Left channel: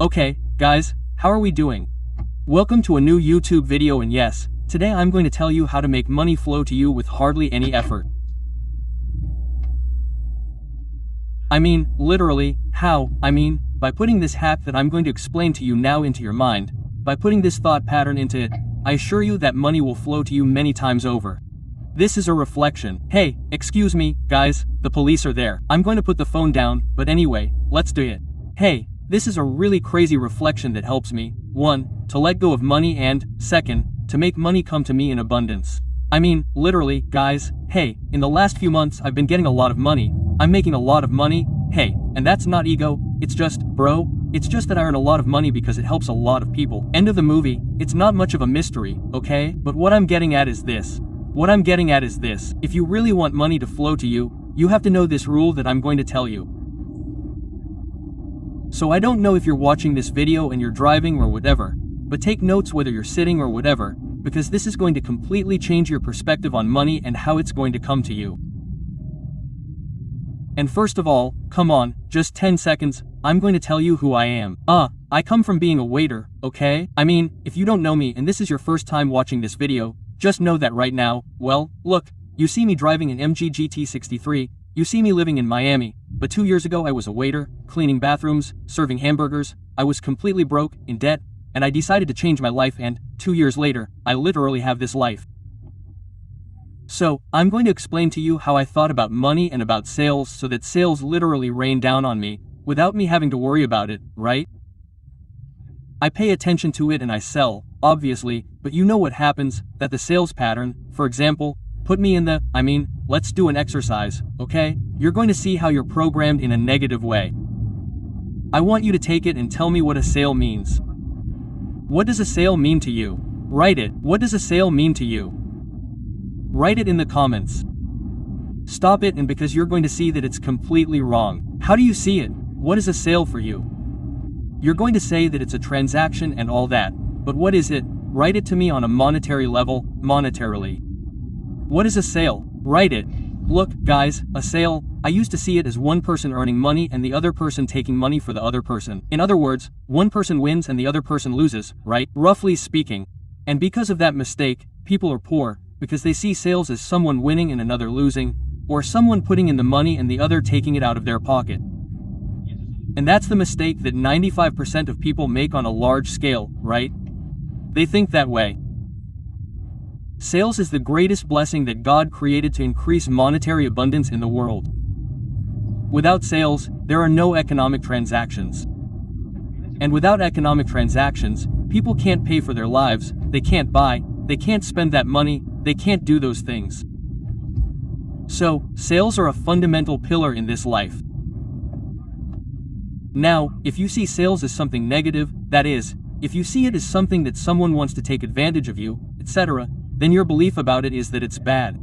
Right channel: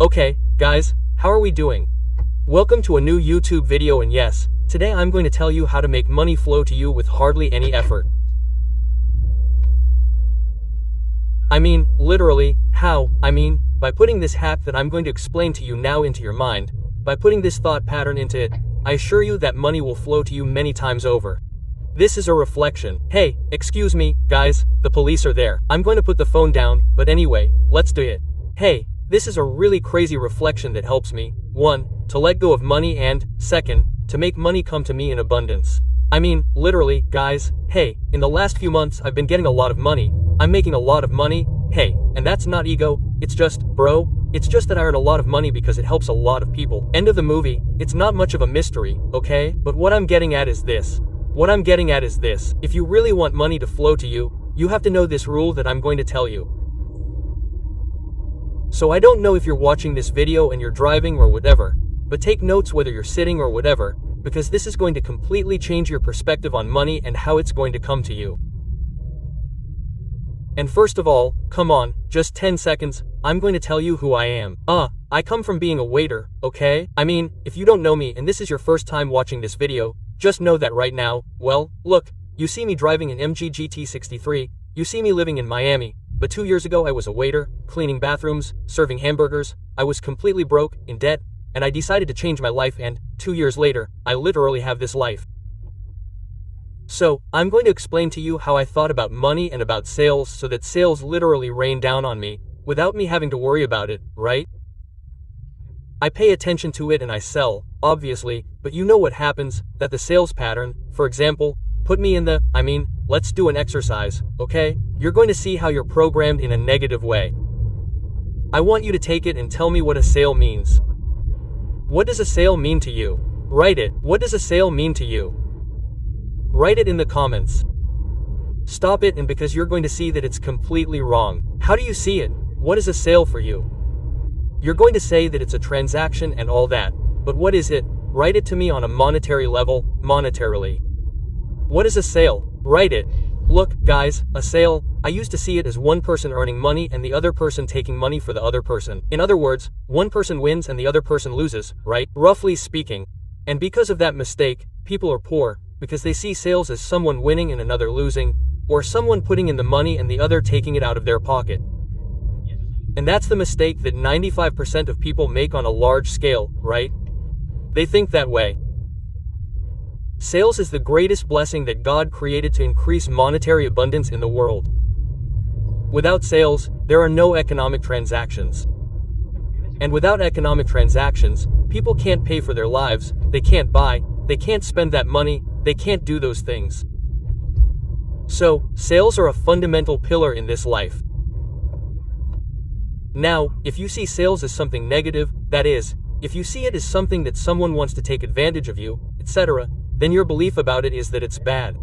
Okay, guys, how are we doing? Welcome to a new YouTube video, and yes, today I'm going to tell you how to make money flow to you with hardly any effort. I mean, literally, how? I mean, by putting this hack that I'm going to explain to you now into your mind, by putting this thought pattern into it, I assure you that money will flow to you many times over. This is a reflection. Hey, excuse me, guys, the police are there. I'm going to put the phone down, but anyway, let's do it. Hey, this is a really crazy reflection that helps me, 1, to let go of money, and 2, to make money come to me in abundance. I mean, literally, guys, hey, in the last few months I've been getting a lot of money. I'm making a lot of money, hey, and that's not ego, it's just, bro, it's just that I earn a lot of money because it helps a lot of people. End of the movie. It's not much of a mystery, okay? But what I'm getting at is this. If you really want money to flow to you, you have to know this rule that I'm going to tell you. So I don't know if you're watching this video and you're driving or whatever, but take notes whether you're sitting or whatever, because this is going to completely change your perspective on money and how it's going to come to you. And first of all, come on, just 10 seconds, I'm going to tell you who I am. I come from being a waiter, okay? I mean, if you don't know me and this is your first time watching this video, just know that right now, well, look, you see me driving an MG GT63, you see me living in Miami, but 2 years ago I was a waiter, cleaning bathrooms, serving hamburgers, I was completely broke, in debt, and I decided to change my life, and 2 years later, I literally have this life. So, I'm going to explain to you how I thought about money and about sales so that sales literally rain down on me, without me having to worry about it, right? I pay attention to it and I sell, obviously, but you know what happens, that the sales pattern, for example, put me in the, let's do an exercise, okay? You're going to see how you're programmed in a negative way. I want you to take it and tell me what a sale means. What does a sale mean to you? Write it. What does a sale mean to you? Write it in the comments. Stop it, and because you're going to see that it's completely wrong. How do you see it? What is a sale for you? You're going to say that it's a transaction and all that, but what is it? Write it to me on a monetary level, monetarily. What is a sale? Write it. Look, guys, a sale, I used to see it as one person earning money and the other person taking money for the other person. In other words, one person wins and the other person loses, right? Roughly speaking. And because of that mistake, people are poor, because they see sales as someone winning and another losing, or someone putting in the money and the other taking it out of their pocket. And that's the mistake that 95% of people make on a large scale, right? They think that way. Sales is the greatest blessing that God created to increase monetary abundance in the world. Without sales, there are no economic transactions. And without economic transactions, people can't pay for their lives, they can't buy, they can't spend that money, they can't do those things. So, sales are a fundamental pillar in this life. Now, if you see sales as something negative, that is, if you see it as something that someone wants to take advantage of you, etc., then your belief about it is that it's bad.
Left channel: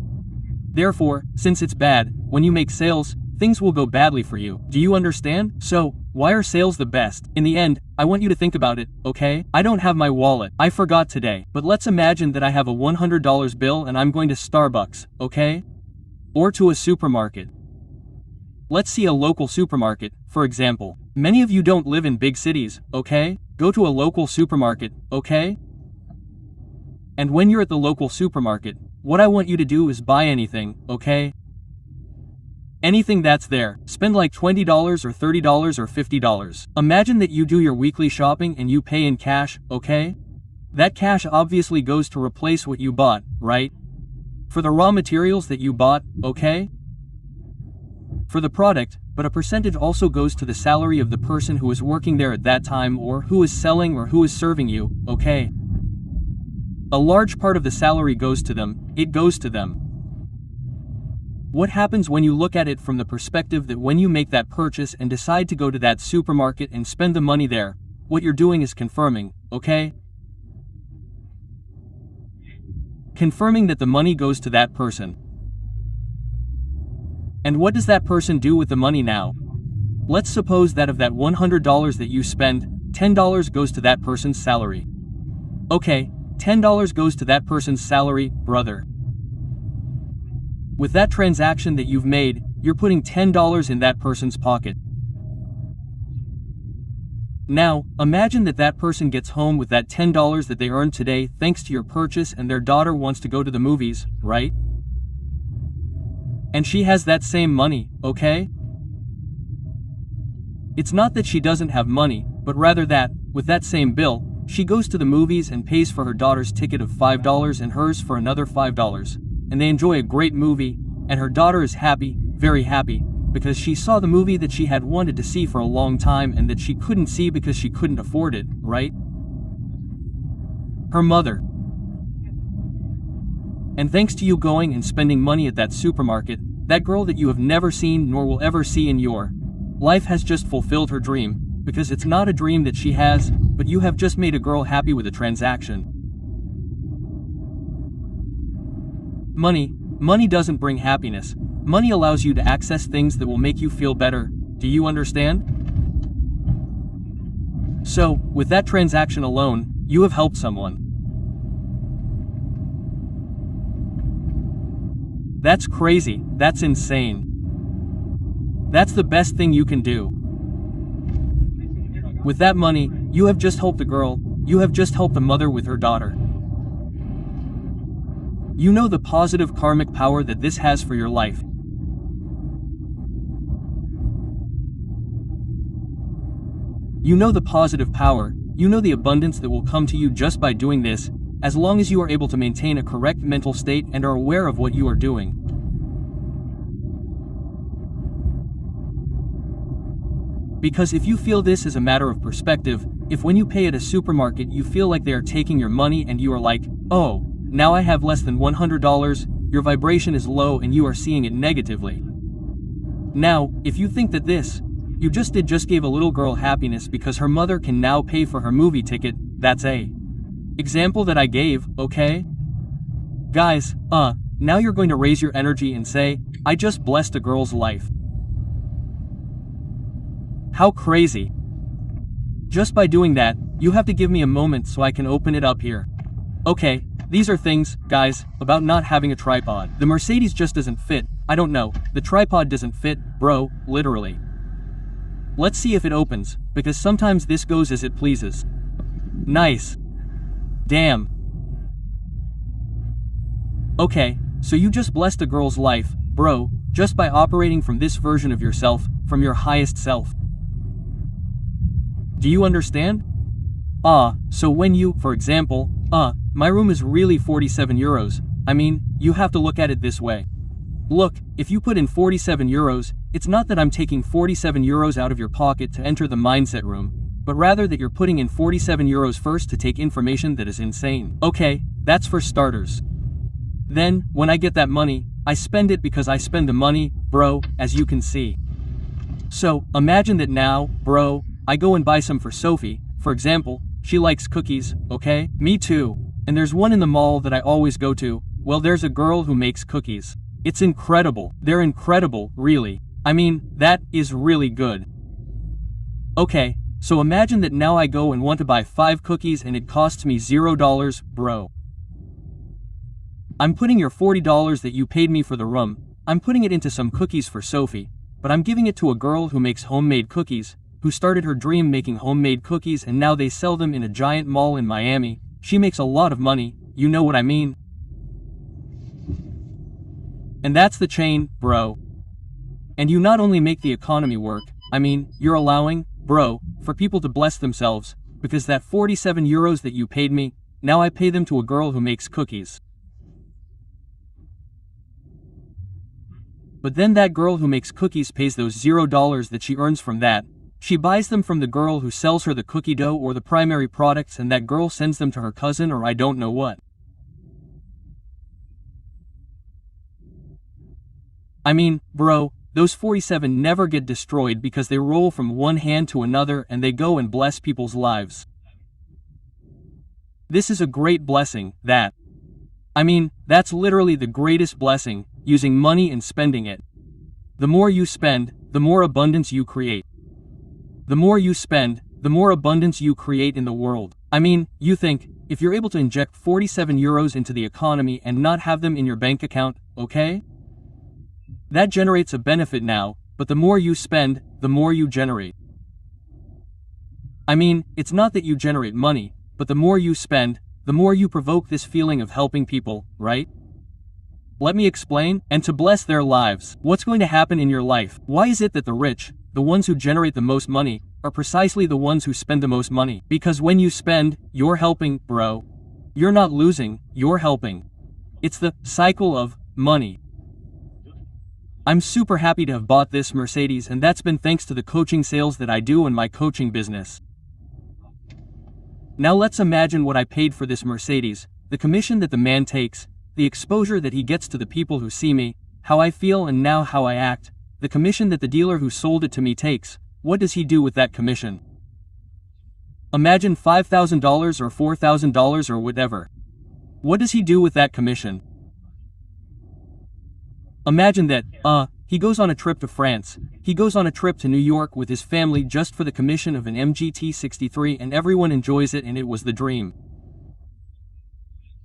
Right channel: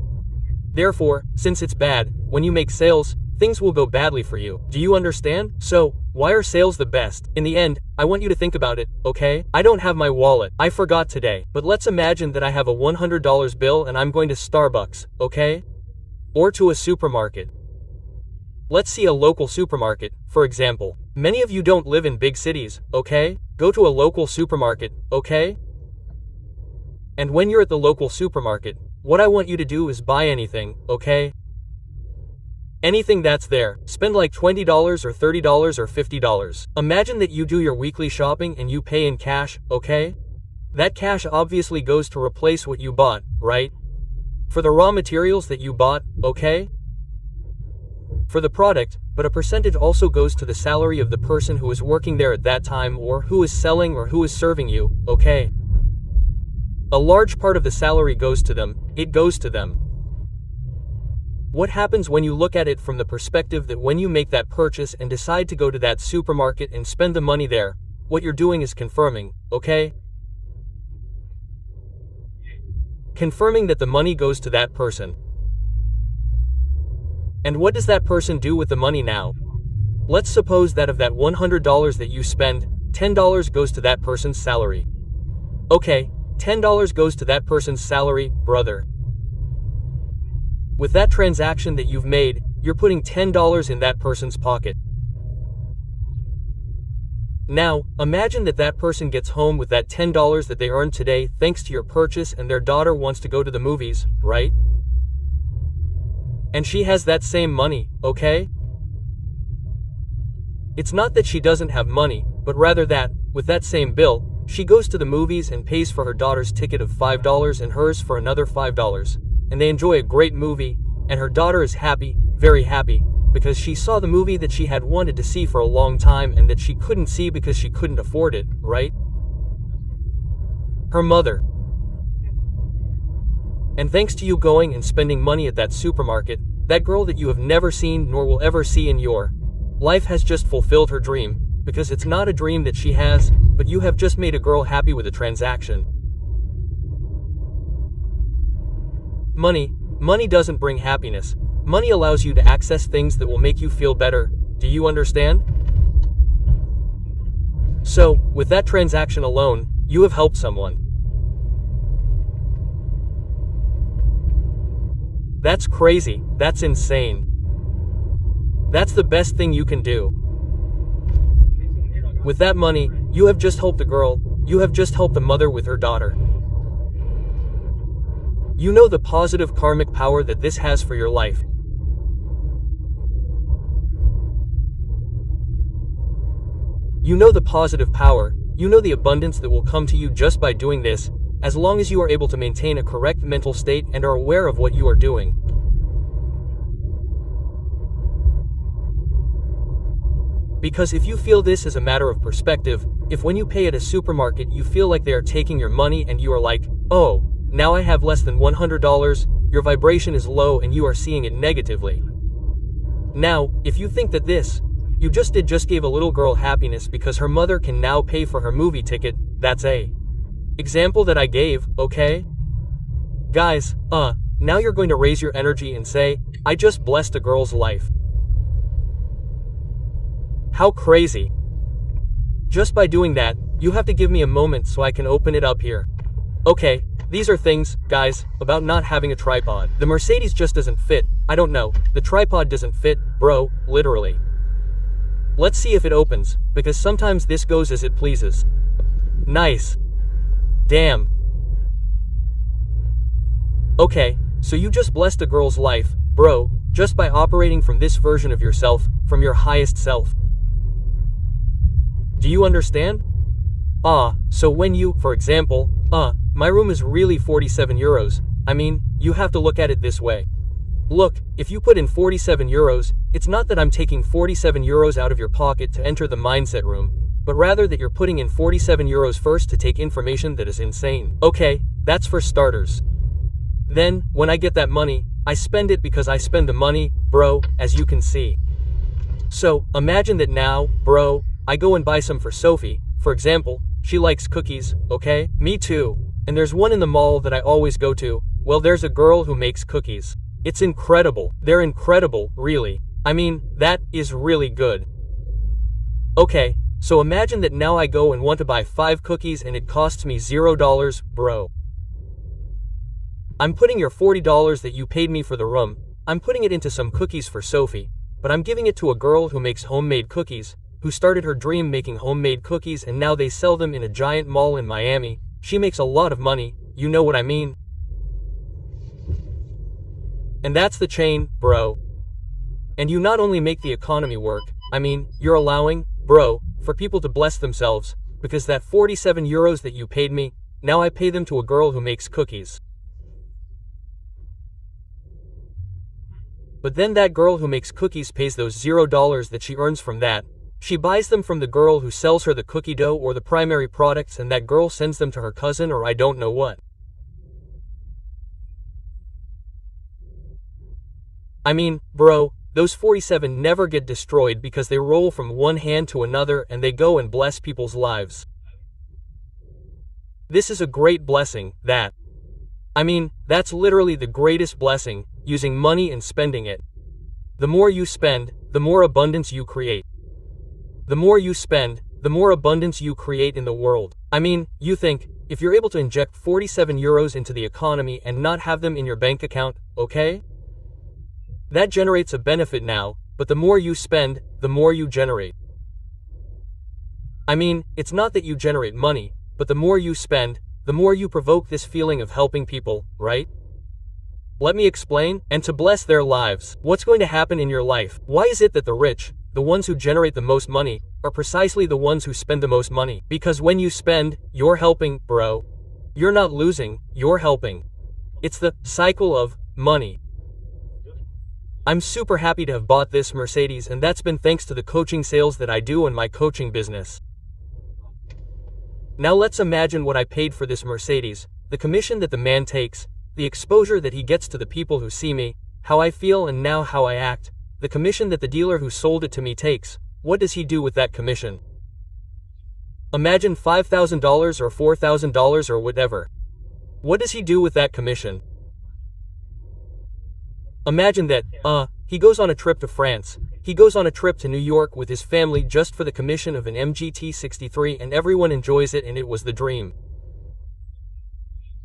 Therefore, since it's bad, when you make sales, things will go badly for you. Do you understand? So, why are sales the best? In the end, I want you to think about it, okay? I don't have my wallet. I forgot today. But let's imagine that I have a $100 bill and I'm going to Starbucks, okay? Or to a supermarket. Let's see a local supermarket, for example. Many of you don't live in big cities, okay? Go to a local supermarket, okay? And when you're at the local supermarket, what I want you to do is buy anything, okay? Anything that's there. Spend like $20 or $30 or $50. Imagine that you do your weekly shopping and you pay in cash, okay? That cash obviously goes to replace what you bought, right? For the raw materials that you bought, okay? For the product, but a percentage also goes to the salary of the person who is working there at that time, or who is selling, or who is serving you, okay? A large part of the salary goes to them, it goes to them. What happens when you look at it from the perspective that when you make that purchase and decide to go to that supermarket and spend the money there, what you're doing is confirming, okay? Confirming that the money goes to that person. And what does that person do with the money now? Let's suppose that of that $100 that you spend, $10 goes to that person's salary. Okay, $10 goes to that person's salary, brother. With that transaction that you've made, you're putting $10 in that person's pocket. Now, imagine that that person gets home with that $10 that they earned today thanks to your purchase and their daughter wants to go to the movies, right? And she has that same money, okay? It's not that she doesn't have money, but rather that, with that same bill, she goes to the movies and pays for her daughter's ticket of $5 and hers for another $5. And they enjoy a great movie, and her daughter is happy, very happy, because she saw the movie that she had wanted to see for a long time and that she couldn't see because she couldn't afford it, right? Her mother. And thanks to you going and spending money at that supermarket, that girl that you have never seen nor will ever see in your life has just fulfilled her dream, because it's not a dream that she has, but you have just made a girl happy with a transaction. Money doesn't bring happiness. Money allows you to access things that will make you feel better. Do you understand? So, with that transaction alone, you have helped someone. That's crazy, that's insane. That's the best thing you can do. With that money, you have just helped a girl, you have just helped a mother with her daughter. You know the positive karmic power that this has for your life. You know the positive power, you know the abundance that will come to you just by doing this, as long as you are able to maintain a correct mental state and are aware of what you are doing. Because if you feel this as a matter of perspective, if when you pay at a supermarket you feel like they are taking your money and you are like, oh, now I have less than $100, your vibration is low and you are seeing it negatively. Now, if you think that this, you just gave a little girl happiness because her mother can now pay for her movie ticket, that's a example that I gave, okay? Guys, now you're going to raise your energy and say, I just blessed a girl's life. How crazy. Just by doing that, you have to give me a moment so I can open it up here. Okay, these are things, guys, about not having a tripod. The Mercedes just doesn't fit, I don't know, the tripod doesn't fit, bro, literally. Let's see if it opens, because sometimes this goes as it pleases. Nice. Damn. Okay, so you just blessed a girl's life, bro, just by operating from this version of yourself, from your highest self. Do you understand? So when you, for example, my room is really 47 euros, I mean, you have to look at it this way. Look, if you put in 47 euros, it's not that I'm taking 47 euros out of your pocket to enter the mindset room, but rather that you're putting in 47 euros first to take information that is insane. Okay, that's for starters. Then, when I get that money, I spend it because I spend the money, bro, as you can see. So, imagine that now, bro, I go and buy some for Sophie, for example, she likes cookies, okay? Me too. And there's one in the mall that I always go to, well there's a girl who makes cookies. It's incredible, they're incredible, really. I mean, that is really good. Okay, so imagine that now I go and want to buy 5 cookies and it costs me $0, bro. I'm putting your $40 that you paid me for the room, I'm putting it into some cookies for Sophie, but I'm giving it to a girl who makes homemade cookies, who started her dream making homemade cookies and now they sell them in a giant mall in Miami. She makes a lot of money, you know what I mean? And that's the chain, bro. And you not only make the economy work, I mean, you're allowing, bro, for people to bless themselves, because that 47 euros that you paid me, now I pay them to a girl who makes cookies. But then that girl who makes cookies pays those $0 that she earns from that. She buys them from the girl who sells her the cookie dough or the primary products and that girl sends them to her cousin or I don't know what. I mean, bro, those 47 never get destroyed because they roll from one hand to another and they go and bless people's lives. This is a great blessing, that. I mean, that's literally the greatest blessing, using money and spending it. The more you spend, the more abundance you create. The more you spend, the more abundance you create in the world. I mean, you think, if you're able to inject 47 euros into the economy and not have them in your bank account, okay? That generates a benefit now, but the more you spend, the more you generate. I mean, it's not that you generate money, but the more you spend, the more you provoke this feeling of helping people, right? Let me explain, and to bless their lives. What's going to happen in your life? Why is it that the rich, the ones who generate the most money, are precisely the ones who spend the most money? Because when you spend, you're helping, bro. You're not losing, you're helping. It's the cycle of money. I'm super happy to have bought this Mercedes, and that's been thanks to the coaching sales that I do in my coaching business. Now let's imagine what I paid for this Mercedes, the commission that the man takes, the exposure that he gets to the people who see me, how I feel and now how I act, the commission that the dealer who sold it to me takes. What does he do with that commission? Imagine $5,000 or $4,000 or whatever. What does he do with that commission? Imagine that, he goes on a trip to France, he goes on a trip to New York with his family just for the commission of an MGT 63 and everyone enjoys it and it was the dream.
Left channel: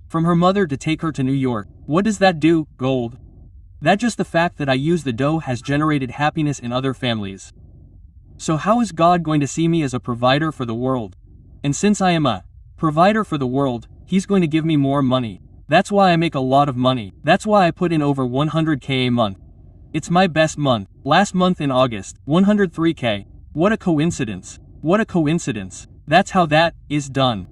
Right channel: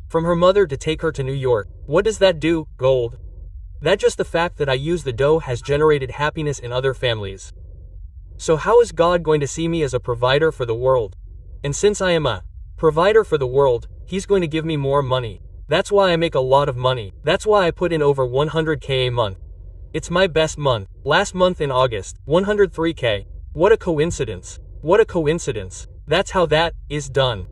From her mother to take her to New York. What does that do? Gold. That just the fact that I use the dough has generated happiness in other families. So how is God going to see me as a provider for the world? And since I am a provider for the world, He's going to give me more money. That's why I make a lot of money. That's why I put in over 100K a month. It's my best month. Last month in August, 103K. What a coincidence. What a coincidence. That's how that is done.